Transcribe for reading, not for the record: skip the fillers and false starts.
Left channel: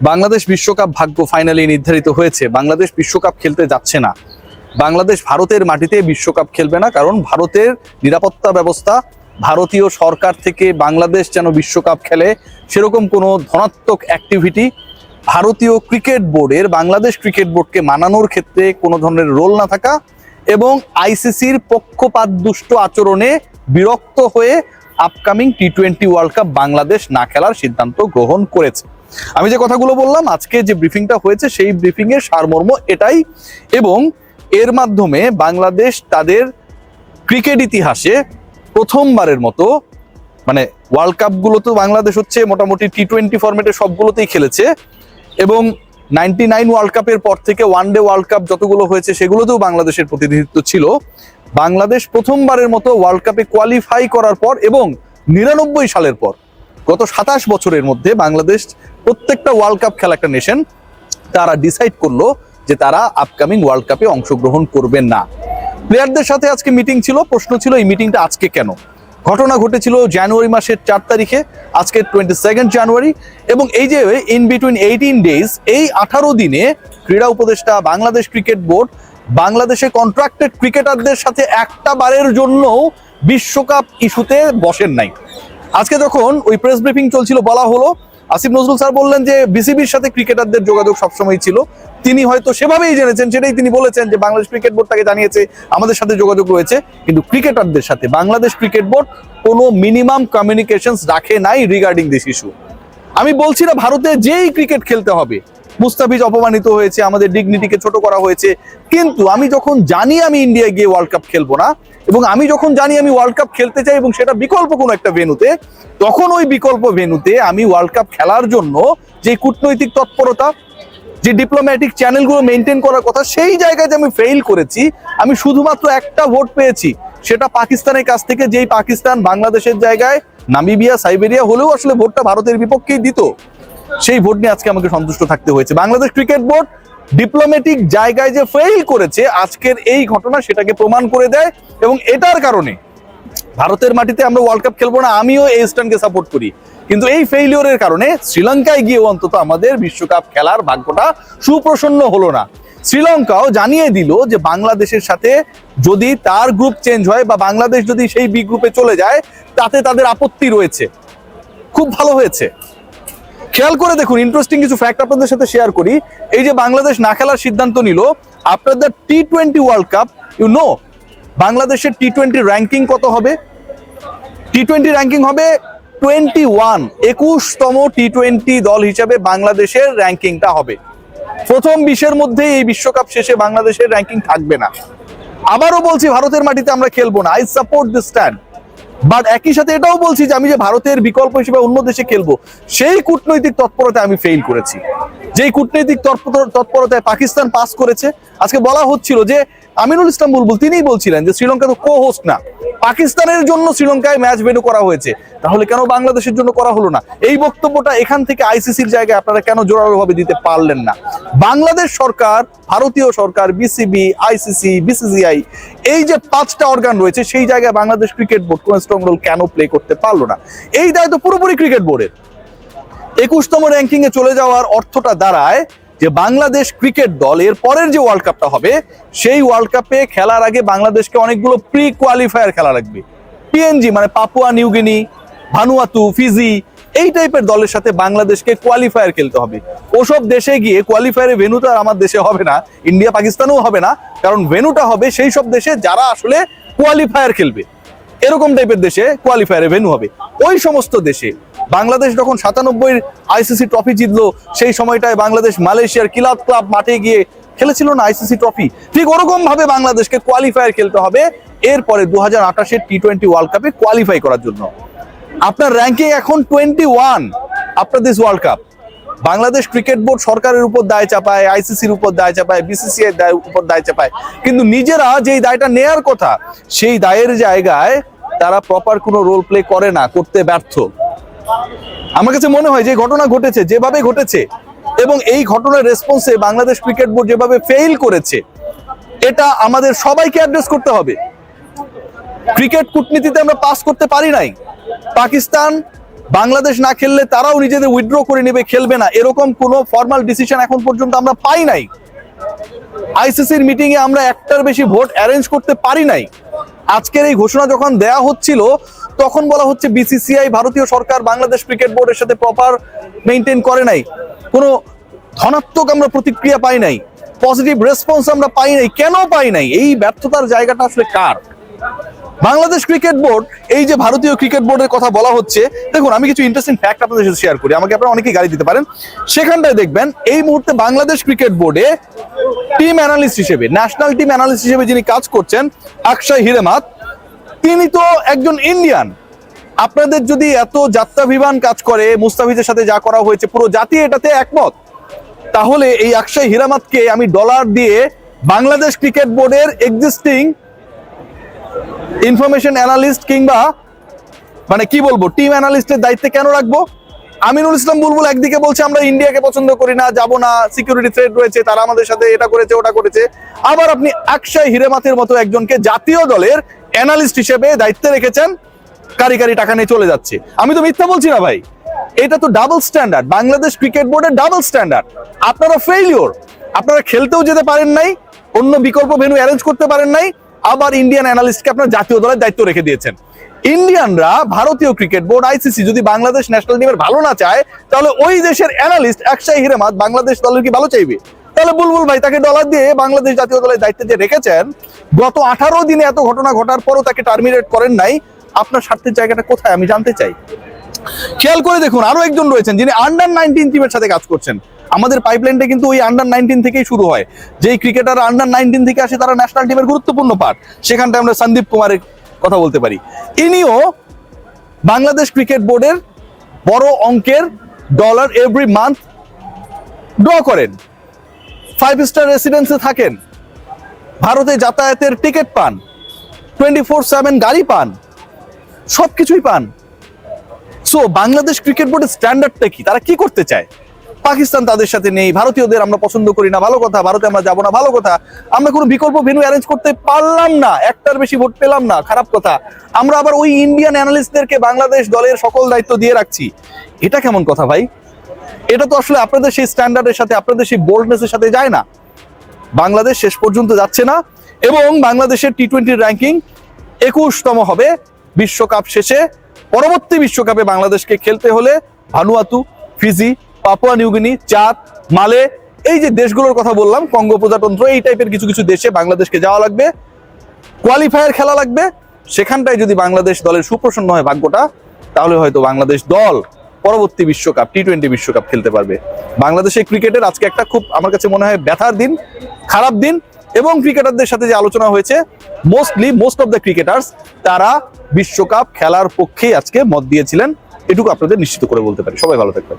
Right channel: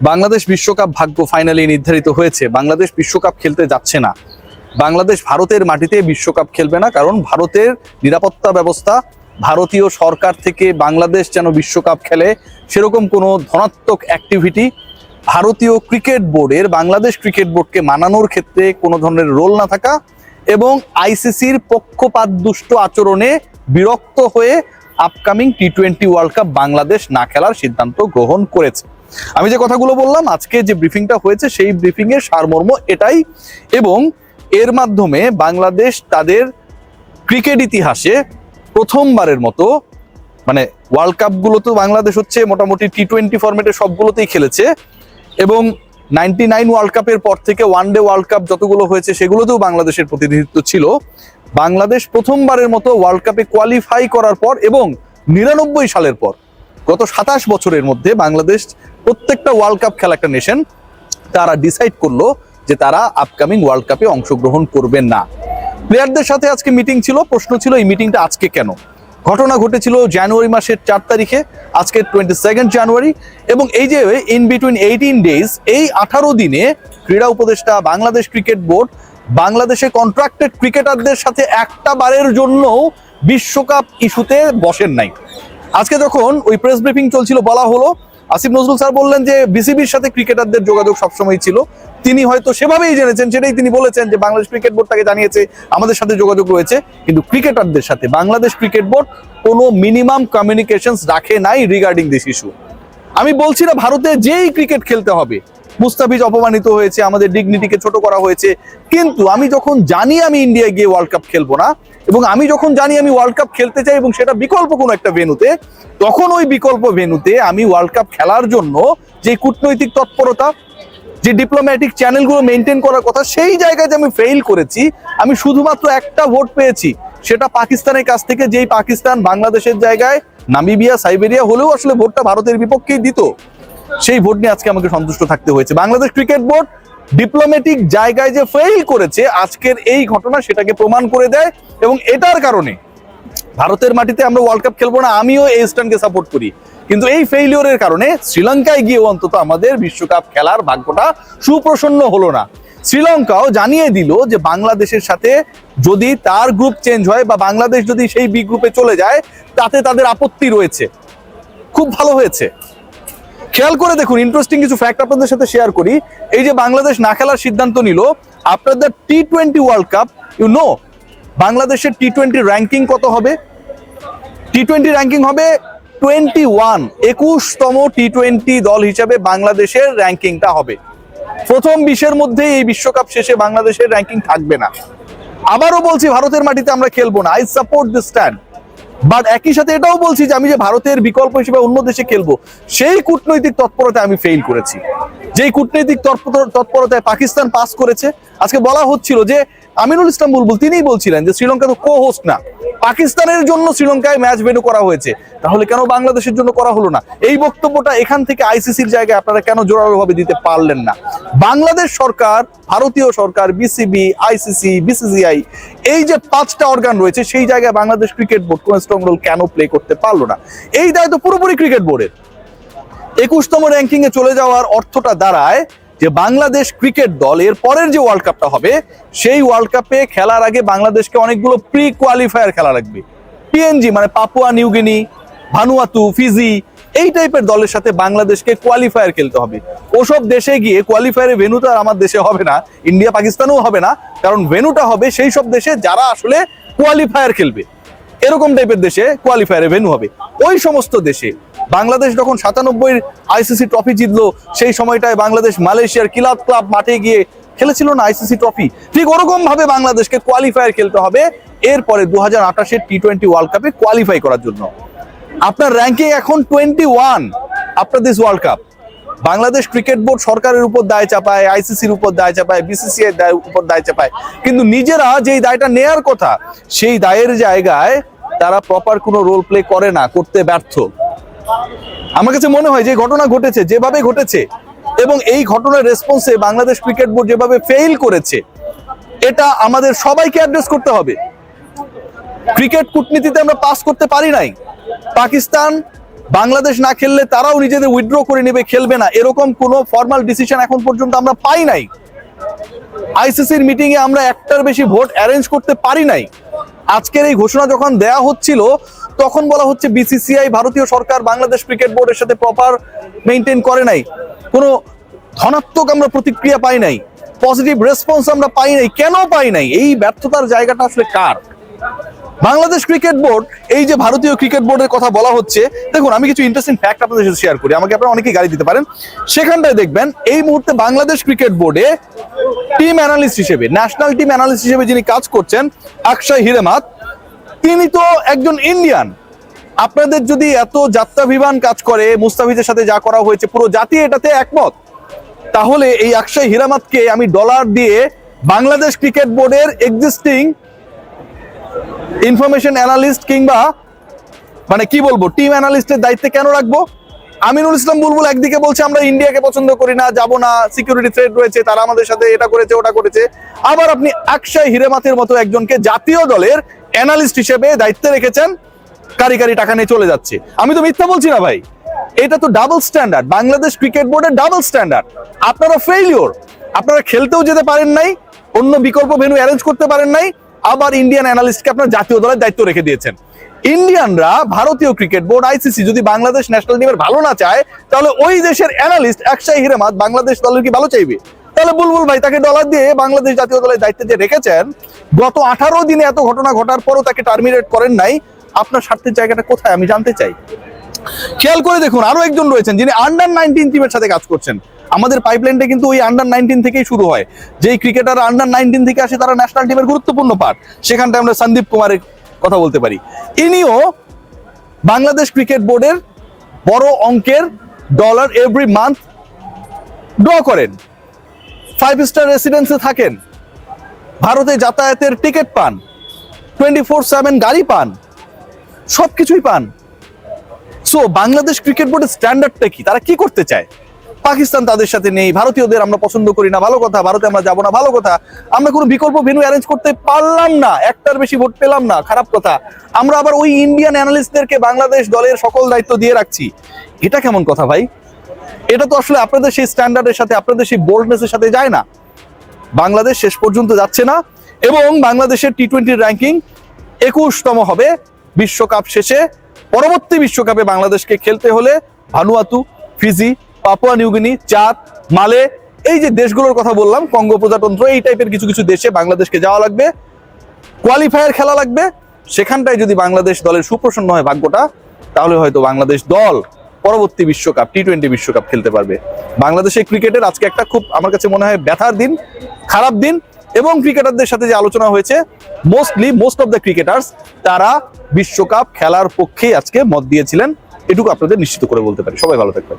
বাংলাদেশ বিশ্বকাপ ভাগ্য ফাইনালি নির্ধারিত হয়েছে। বাংলাদেশ বিশ্বকাপ খেলতে যাচ্ছে না। বাংলাদেশ ভারতের মাটিতে বিশ্বকাপ খেলবে না, কারণ ভারতের নিরাপত্তা ব্যবস্থা, ভারতীয় সরকার থেকে বাংলাদেশ যেন বিশ্বকাপ খেলে সেরকম কোনো ধনাত্মক অ্যাক্টিভিটি ভারতীয় ক্রিকেট বোর্ডের, বাংলাদেশ ক্রিকেট বোর্ডকে মানানোর ক্ষেত্রে কোনো ধরনের রোল না থাকা এবং আইসিসির পক্ষপাতদুষ্ট আচরণে বিরক্ত হয়ে আপকামিং টি-20 ওয়ার্ল্ড কাপ বাংলাদেশ না খেলার সিদ্ধান্ত গ্রহণ করেছে। আমি যে কথাগুলো বললাম, আজকে যে ব্রিফিংটা হয়েছে সেই ব্রিফিং এর সারমর্ম এটাই, এবং এর মাধ্যমে বাংলাদেশ তাদের ক্রিকেট ইতিহাসে প্রথমবারের মতো, মানে ওয়ার্ল্ড কাপ গুলো তো বাংলাদেশ হচ্ছে মোটামুটি টি-20 ফরম্যাটে সবগুলোতেই খেলেছে, এবং 99 ওয়ার্ল্ড কাপের পর থেকে ওয়ানডে ওয়ার্ল্ড কাপ যতগুলো হয়েছে সেগুলোতেও বাংলাদেশের প্রতিনিধিত্ব ছিল। বাংলাদেশ প্রথমবারের মতো ওয়ার্ল্ড কাপে কোয়ালিফাই করার পর এবং 99 সালের পর গত 27 বছরের মধ্যে বাংলাদেশ প্রত্যেকটা ওয়ার্ল্ড কাপ খেলা একটা নেশন, তারা ডিসাইড করলো যে তারা আপকামিং ওয়ার্ল্ড কাপে অংশগ্রহণ করবেন না। প্লেয়ারদের সাথে আজকে মিটিং ছিল। প্রশ্ন ছিল এই মিটিংটা আজকে কেন? ঘটনা ঘটেছিল জানুয়ারি মাসের 4 তারিখে, আজকে 22 জানুয়ারি, এবং এই যে ইন বিটুইন 18 ডেজ, এই 18 দিনে ক্রীড়া উপদেষ্টা, বাংলাদেশ ক্রিকেট বোর্ড বাংলাদেশে কন্ট্রাক্টেড ক্রিকেটারদের সাথে একটা বারের জন্য বিশ্বকাপ ইস্যুতে বসেন নাই। আজকে যখন ওই প্রেস ব্রিফিং চলছিল, বলা হলো, আসিফ নজরুল স্যার বললেন যে বিসিবির সাথে ক্রিকেটারদের যোগাযোগ সবসময় ছিল। তিনি হয়তো সেভাবেই জেনেছেন, সেটাই তিনি বলেছেন যে বাংলাদেশ ক্রিকেট বোর্ড তাকে জানিয়েছে আমাদের সাথে যোগাযোগ রয়েছে, কিন্তু ক্রিকেটারদের সাথে বাংলাদেশ ক্রিকেট বোর্ড কোনো মিনিমাম কমিউনিকেশনস রাখে নাই রিগার্ডিং দিস ইস্যু। আমি বলছি না ভারতে যেই ক্রিকেট খেলতে হবে, মুস্তাফিজ অপমানিত হয়েছে, আমাদের ডিগনিটিকে ছোট করা হয়েছে, কিন্তু আমি যখন জানি আমি ইন্ডিয়া গিয়ে ওয়ার্ল্ড কাপ খেলবো না, এবং আমি যখন জানি আমি ওয়ার্ল্ড কাপ খেলতে চাই এবং সেটা বিকল্প কোনো একটা ভেন্যুতে, তখন ওই বিকল্প ভেন্যুতে আমি ওয়ার্ল্ড কাপ খেলার জন্য যে কূটনৈতিক তৎপরতা, যে ডিপ্লোম্যাটিক চ্যানেলগুলো মেনটেন করার কথা, সেই জায়গায় যে আমি ফেইল করেছি। আমি শুধুমাত্র একটা ভোট পেয়েছি, সেটা পাকিস্তানের কাছ থেকে, যেই পাকিস্তান বাংলাদেশের জায়গায় নামিবিয়া, সাইবেরিয়া হলেও আসলে ভোটটা ভারতের বিপক্ষেই দিত। সেই ভোট নিয়ে আজকে আমাকে সন্তুষ্ট থাকতে হয়েছে। বাংলাদেশ ক্রিকেট বোর্ড ডিপ্লোম্যাটিক জায়গায় যে ফেইল করেছে, আজকের এই ঘটনা সেটাকে প্রমাণ করে দেয়, এবং এটার কারণে ভারতের মাটিতে আমরা ওয়ার্ল্ড কাপ খেলবো না। আমিও এই স্ট্যান্ডকে সাপোর্ট করি, কিন্তু এই ফেইলিওরের কারণে শ্রীলঙ্কায় গিয়ে অন্তত আমাদের বিশ্বকাপ খেলার ভাগ্যটা সুপ্রসন্ন হলো না। শ্রীলঙ্কাও জানিয়ে দিল যে বাংলাদেশের সাথে যদি তার গ্রুপ চেঞ্জ হয় বা বাংলাদেশ যদি সেই বি গ্রুপে চলে যায়, তাতে তাদের আপত্তি রয়েছে। খুব ভালো হয়েছে। খেয়াল করে দেখুন, ইন্টারেস্টিং কিছু ফ্যাক্ট আপনাদের সাথে শেয়ার করি। এই যে বাংলাদেশ না খেলার সিদ্ধান্ত নিল, আপনাদের টি-20 ওয়ার্ল্ড কাপ, ইউ নো বাংলাদেশের টি-20 র্যাঙ্কিং কত হবে? টি-20 র্যাঙ্কিং হবে 21, 21তম টি-20 দল হিসেবে বাংলাদেশের র্যাঙ্কিংটা হবে। প্রথম 20-এর মধ্যে এই বিশ্বকাপ শেষে বাংলাদেশের র্যাঙ্কিং থাকবে না। আবারও বলছি, ভারতের মাটিতে আমরা খেলবো না। I support this stand, but একই সাথে এটাও বলছি যে আমি যে ভারতের বিকল্প হিসেবে অন্য দেশে খেলবো, সেই কূটনৈতিক তৎপরতায় আমি ফেইল করেছি। যেই কূটনৈতিক তৎপরতায় পাকিস্তান পাস করেছে। আজকে বলা হচ্ছিল যে আমিনুল ইসলাম বুলবুল তিনিই বলছিলেন যে শ্রীলঙ্কা তো কো হোস্ট না, পাকিস্তানের জন্য শ্রীলঙ্কায় ম্যাচ ভেন্যু করা হয়েছে, তাহলে কেন বাংলাদেশের জন্য করা হলো না? এই বক্তব্যটা এখান থেকে আইসিসির জায়গায় আপনারা কেন জোরালোভাবে দিতে পারলেন না? বাংলাদেশ সরকার, ভারতীয় সরকার, বিসিবি, আইসিসি, বিসিসিআই, এই যে 5টা অর্গান রয়েছে, সেই জায়গায় বাংলাদেশ ক্রিকেট বোর্ড কোন স্ট্রং রোল কেন প্লে করতে পারলো না? এই দায় তো পুরোপুরি ক্রিকেট বোর্ডের। 21তম র্যাঙ্কিং এ চলে যাওয়ার অর্থটা দাঁড়ায় যে বাংলাদেশ ক্রিকেট দল এর পরের যে ওয়ার্ল্ড কাপটা হবে, সেই ওয়ার্ল্ড কাপে খেলার আগে বাংলাদেশকে অনেকগুলো প্রি কোয়ালিফায়ার খেলা লাগবে। পিএনজি মানে Papua New Guinea, Vanuatu, Fiji, এই টাইপের দলের সাথে বাংলাদেশকে কোয়ালিফায়ার খেলতে হবে। ওসব দেশে গিয়ে কোয়ালিফায়ারের ভেন্যুটা আমার দেশে হবে না, ইন্ডিয়া পাকিস্তানেও হবে না, কারণ ভেন্যুটা হবে সেই সব দেশে যারা আসলে কোয়ালিফায়ার খেলবে। এরকম টাইপের দেশে কোয়ালিফায়ারে ভেন্যু হবে। ওই সমস্ত দেশে বাংলাদেশ যখন 97 আইসিসি ট্রফি জিতলো, সেই সময়টায় বাংলাদেশ মালয়েশিয়ার কিলাত ক্লাব মাঠে গিয়ে খেলেছিল না আইসিসি ট্রফি, ঠিক ওরকম ভাবে বাংলাদেশকে কোয়ালিফায়ার খেলতে হবে এরপরে 2028-এর টি-20 ওয়ার্ল্ড কাপে কোয়ালিফাই করার জন্য। আপনার র্যাঙ্কিং এখন 21 after this world cup. Bangladesh cricket board সরকারের উপর দায় চাপায়, আইসিসির উপর দায় চাপায়, বিসিসিআই এর উপর দায় চাপায়, কিন্তু নিজেরা যেই দায়টা নেয়ার কথা সেই দায়ের জায়গায় তারা প্রপার কোনো রোল প্লে করে না, করতে ব্যর্থ। আমার কাছে মনে হয় যে ঘটনা ঘটেছে, যেভাবে ঘটেছে, এবং এই ঘটনার রেসপন্সে বাংলাদেশ ক্রিকেট বোর্ড যেভাবে ফেইল করেছে, এটা আমাদের সবাইকে অ্যাড্রেস করতে হবে। ক্রিকেট কূটনীতিতে আমরা পাস করতে পারি নাই। পাকিস্তান বাংলাদেশ না খেললে তারাও নিজেদের উইথড্র করে নেবে, খেলবে না, এরকম কোনো ফর্মাল ডিসিশন এখন পর্যন্ত আমরা পাই নাই। আইসিসির মিটিং এ আমরা একটার বেশি ভোট অ্যারেঞ্জ করতে পারি নাই। আজকের এই ঘোষণা যখন দেয়া হচ্ছিল তখন বলা হচ্ছে বিসিসিআই, ভারতীয় সরকার বাংলাদেশ ক্রিকেট বোর্ডের সাথে প্রপার মেইনটেইন করে নাই, কোনো ধনাত্মক আমরা প্রতিক্রিয়া পাই নাই, পজিটিভ রেসপন্স আমরা পাই নাই। কেন পাই নাই? এই ব্যর্থতার জায়গাটা আসলে কার? বাংলাদেশ ক্রিকেট বোর্ড, এই যে ভারতীয় ক্রিকেট বোর্ডের কথা বলা হচ্ছে, দেখুন আমি কিছু ইন্টারেস্টিং ফ্যাক্ট আপনাদের সাথে শেয়ার করি, আমাকে আপনারা অনেকেই গাড়ি দিতে পারেন। সেখানটায় দেখবেন এই মুহূর্তে বাংলাদেশ ক্রিকেট বোর্ডে টিম অ্যানালিস্ট হিসেবে, ন্যাশনাল টিম অ্যানালিস্ট হিসেবে যিনি কাজ করছেন আকশাই হিরেমাত, তিনি তো একজন ইন্ডিয়ান। আপনাদের যদি এত যাত্রাভিমান কাজ করে, মুস্তাফিজের সাথে যা করা হয়েছে পুরো জাতি এটাতে একমত, তাহলে এই আকশাই হিরামাতকে আমি ডলার দিয়ে বাংলাদেশ ক্রিকেট বোর্ডের এক্সিস্টিং ইনফরমেশন অ্যানালিস্ট কিংবা মানে কি বলবো টিম অ্যানালিস্টের দায়িত্বে কেন রাখবো? আমিনুল ইসলাম বুলবুল একদিকে বলছে আমরা ইন্ডিয়াকে পছন্দ করি না, যাব না, সিকিউরিটি থ্রেট রয়েছে, তারা আমাদের সাথে এটা করেছে ওটা করেছে। আবার আপনি আকশাই হিরেমাতের মতো একজনকে জাতীয় দলের অ্যানালিস্ট হিসেবে দায়িত্বে রেখেছেন, কারি কারি টাকা নিয়ে চলে যাচ্ছে। আমি তো মিথ্যা বলছি না ভাই, এটা তো ডাবল স্ট্যান্ডার্ড, বাংলাদেশ ক্রিকেট বোর্ডের ডাবল স্ট্যান্ডার্ড। আপনারা ফেইলিওর, আপনারা খেলতেও যেতে পারেন নাই, অন্য বিকল্প ভেন্যু অ্যারেঞ্জ করতে পারেন নাই, আবার ইন্ডিয়ান অ্যানালিস্টকে আপনার জাতীয় দলের দায়িত্ব রেখে দিয়েছেন। ইন্ডিয়ানরা, ভারতীয় ক্রিকেট বোর্ড, আইসিসি যদি বাংলাদেশ ন্যাশনাল টিমের ভালো না চায়, তাহলে ওই দেশের অ্যানালিস্ট আকশাই হিরেমাত বাংলাদেশ দলের কি ভালো চাইবে? তাহলে বুলবুল ভাই তাকে ডলার দিয়ে বাংলাদেশ জাতীয় দলের দায়িত্বে যে রেখেছেন, গত 18 দিনে এত ঘটনা ঘটার পরও তাকে টার্মিনেট করেন নাই, আপনার স্বার্থের জায়গাটা কোথায় আমি জানতে চাই। খেয়াল করে দেখুন, আরো একজন রয়েছেন যিনি আন্ডার 19 টিমের সাথে কাজ করছেন। আমাদের পাইপলাইনটা কিন্তু ওই আন্ডার 19 থেকেই শুরু হয়। যেই ক্রিকেটার আন্ডার 19 থেকে আসে তারা ন্যাশনাল টিমের গুরুত্বপূর্ণ পার্ট। সেখানটা আমরা সন্দীপ কুমারের কথা বলতে পারি। ইনিও বাংলাদেশ ক্রিকেট বোর্ডের বড় অঙ্কের ডলার এভরি মান্থ ড্র করেন, 5 স্টার রেসিডেন্সে থাকেন, ভারতে যাতায়াতের টিকিট পান, 24/7 গাড়ি পান, সবকিছুই পান। সো বাংলাদেশ ক্রিকেট বোর্ডের স্ট্যান্ডার্ডটা কি? তারা কি করতে চায়? পাকিস্তান তাদের সাথে নেই, ভারতীয়দের আমরা পছন্দ করি না, ভালো কথা, ভারতে আমরা যাবো না, ভালো কথা, আমরা কোনো বিকল্প ভেন্যু অ্যারেঞ্জ করতে পারলাম না, একটার বেশি ভোট পেলাম না, খারাপ কথা, আমরা আবার ওই ইন্ডিয়ান অ্যানালিস্টদেরকে বাংলাদেশ দলের সকল দায়িত্ব দিয়ে রাখছি। এটা কেমন কথা ভাই? এটা তো আসলে আপনাদের সেই স্ট্যান্ডার্ডের সাথে, আপনাদের সেই বোল্ডনেসের সাথে যায় না। বাংলাদেশ শেষ পর্যন্ত যাচ্ছে না এবং বাংলাদেশের টি-20 র্যাঙ্কিং 21তম হবে বিশ্বকাপ শেষে। পরবর্তী বিশ্বকাপে বাংলাদেশকে খেলতে হলে ভানুয়াতু, ফিজি, পাপুয়া নিউগিনি, চাদ, মালে, এই যে দেশগুলোর কথা বললাম, কঙ্গো প্রজাতন্ত্র, এই টাইপের কিছু কিছু দেশে বাংলাদেশকে যাওয়া লাগবে, কোয়ালিফায়ার খেলা লাগবে। সেখানটায় যদি বাংলাদেশ দলের সুপ্রসন্ন হয় ভাগ্যটা, তাহলে হয়তো বাংলাদেশ দল পরবর্তী বিশ্বকাপ, টি-20 বিশ্বকাপ খেলতে পারবে। বাংলাদেশের ক্রিকেটের আজকে একটা খুব আমার কাছে মনে হয় ব্যথার দিন, খারাপ দিন। এবং ক্রিকেটারদের সাথে যে আলোচনা হয়েছে, মোস্ট অফ দ্য ক্রিকেটার্স তারা বিশ্বকাপ খেলার পক্ষেই আজকে মত দিয়েছিলেন, এটুকু আপনাদের নিশ্চিত করে বলতে পারি। সবাই ভালো থাকবেন।